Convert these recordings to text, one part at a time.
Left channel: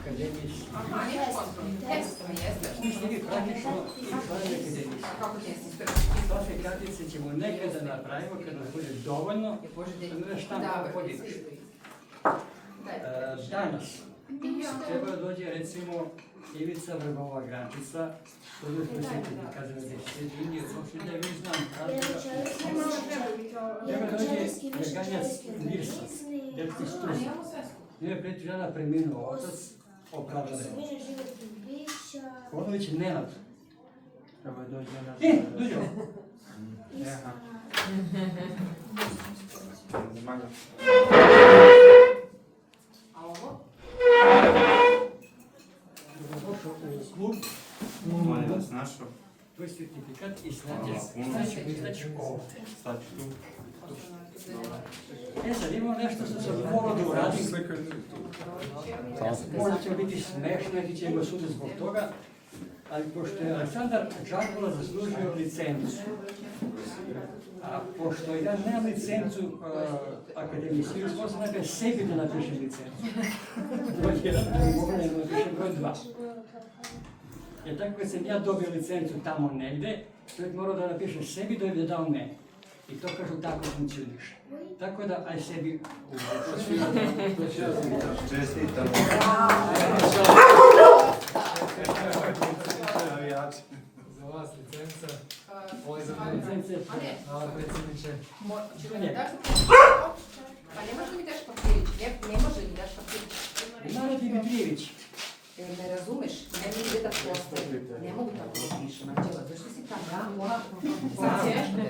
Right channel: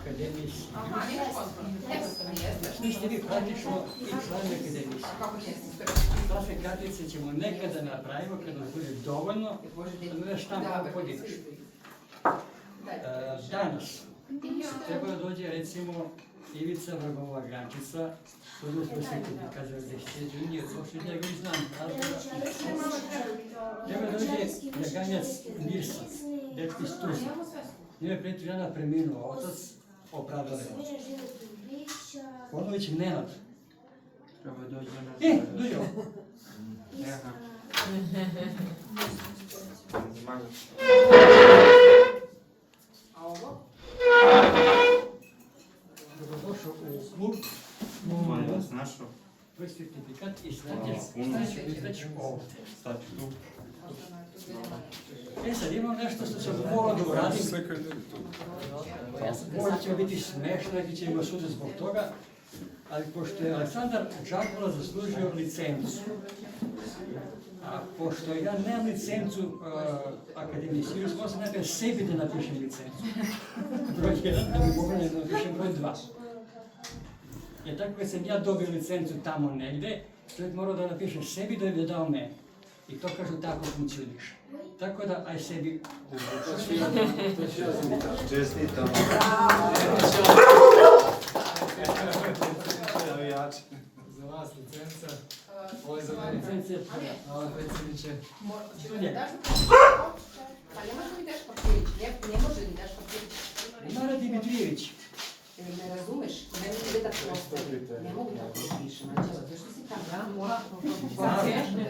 akademije. Svi ste vi praktično i članovi akademije. Takve kartice ćemo nekada napravimo kad nas bude dovoljno, da ne štampamo podimaš. Danas treba da dođe recimo Ivica Vrbova Grančica, koji je posjetiti kada je sjeđu Indije, što da ga znam razloga. Treba da dođe Jaganjac Nirsa, dečki Strusa. Njoj je preti žena preminuo otac, opravdao je otac. Ponović Nenad. Treba da dođe Nenad. Dođe ovo. A ovo? Dobrodošao u klub. Molim vas našao. Tvoj certifikat i staćeš ovdje. Staću tu. Sad imam nešto što sam morao da uradim. Možda će biti smešno, neki će ima sude zbog toga, ali pošto je Aleksandar Džakula zaslužio licencu, a pošto ja nemam licencu Akademije Sirius, možda najprej sebi da napišem licencu. Broj 1, da bi mogu da napišem broj 2. Jer tako kad sam ja dobio licencu tamo negde, čovjek morao da napiše sebi da bi dao meni. I to kažu tako funkcioniše. Tako da, aj sebi Čestitam. Za vas licenca, ovo je za mene licenca. Hvala predsjedniče. To njega. Pa ne može mi daš papirić, ne može mi daš papirić. Nara Dimitrijević. Ne razumeš, ne mogu da postoji. Ne mogu da to pišem, Anđela, zašto si tamo? Ja moram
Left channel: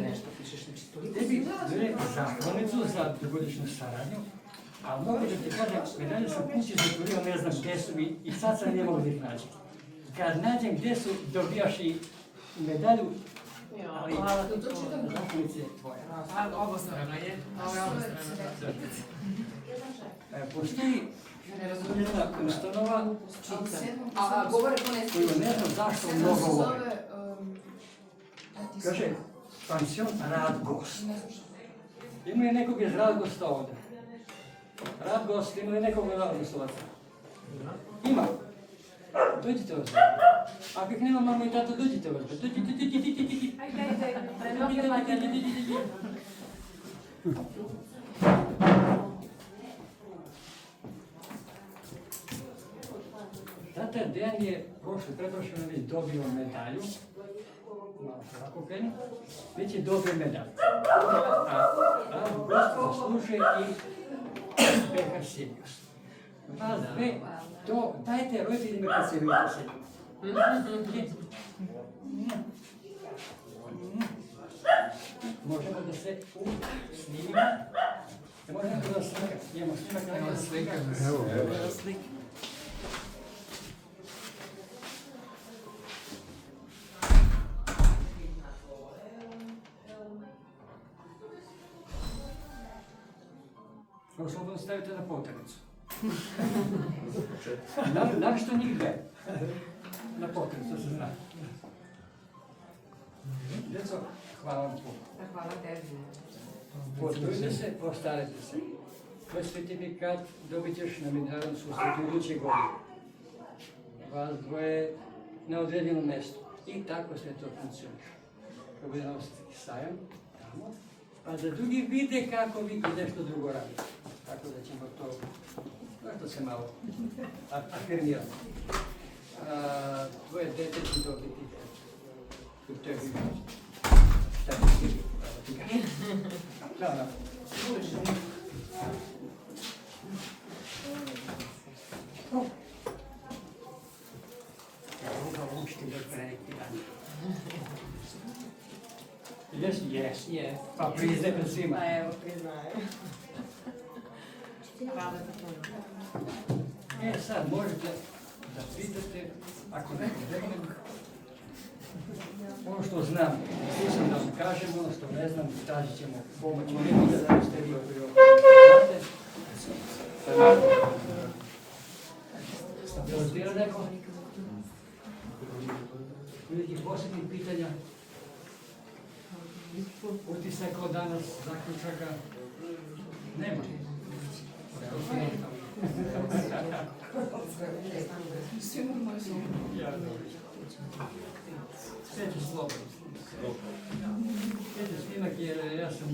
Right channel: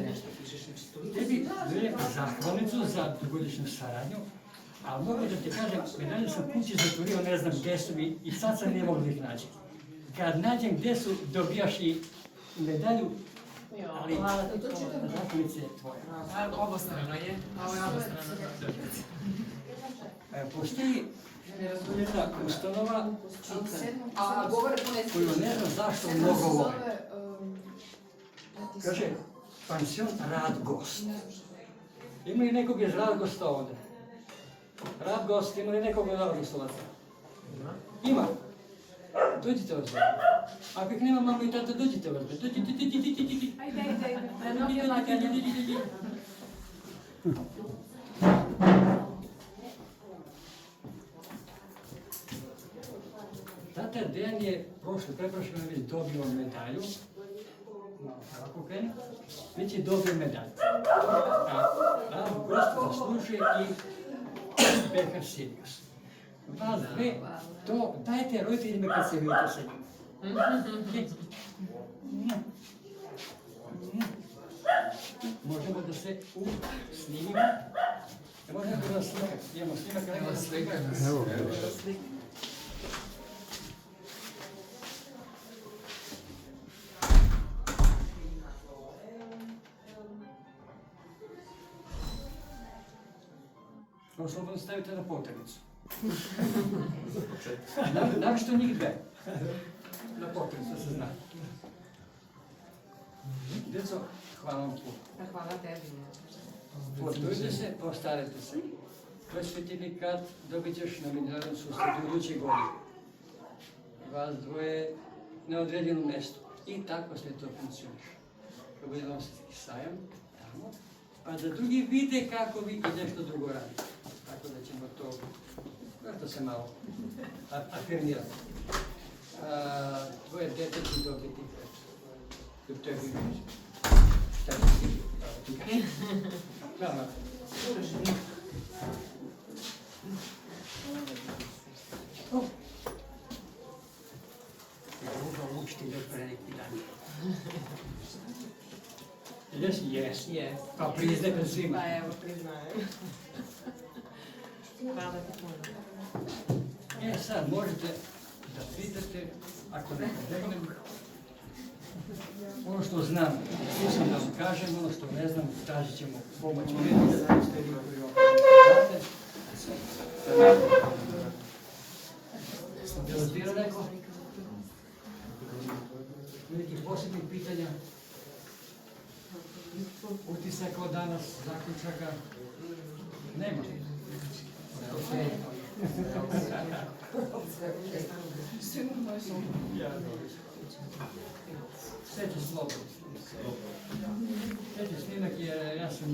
nešto pišeš, znači toliko. Tebi dajem zahvalnicu za dugogodišnju saradnju, ali mogu da ti kažem, medalje sam kući zatvorio, ne znam gdje su mi i sad sam ne mogu da ih nađem. Kad nađem gdje su, dobijaš i medalju, ali zahvalnica je tvoja. Obostrana je, ovo je obostrana. Postoji jedna ustanova koju ne znam zašto mnogo vole. Kaže, pansion Radgost. Ima li nekog iz Radgosta ovdje? Radgost, ima li nekog iz Radgostovaca? Ima. Dođite ovdje. Ako ih nema mama i tata, dođite ovdje. Dođite. Ajde. Tata Dejan je preprošle već dobio medalju. Malo ovako kreni. Već je dobio medalju. A Radgost zaslužuje i Pehar Sirius. Vas dve, to dajte roditeljima kad se vidite sa njima. Možemo da se snimimo. Možemo da slimak. Imamo slimak. Evo slika. Ovo slobodno stavite na poternicu. Našto njih dve? Na poternicu, da se zna. Djeco, hvala vam puno. Hvala tebi. Potrudite se, postarajte se. Tvoj certifikat dobit ćeš na međunarodnom susretu iduće godine. Vas dvoje na određenom mjestu. I tako sve to funkcioniše. Kad bude nositi sajam, tamo, pa da drugi vide kako vi i nešto drugo radite. Tako da ćemo to, možda se malo afirmiramo. Tvoje dete će dobiti tebi. Šta će ti kažeš? Hvala. Druga učiti još pre neki dan. Jes. Pa priznaj pred svima. Pa evo, priznajem. Hvala ti puno. Sad možete da pitate, ako ne požegnem, ono što znam, nisam da vam kažem, ono što ne znam, tražit ćemo pomoć. Vidite da ste vi koji ovo znate. Preostira neko? Nekih posebnih pitanja? Utisak od danas, zaključaka? Nema. Sve ću slobodno. Sve ću snimak jer ja sam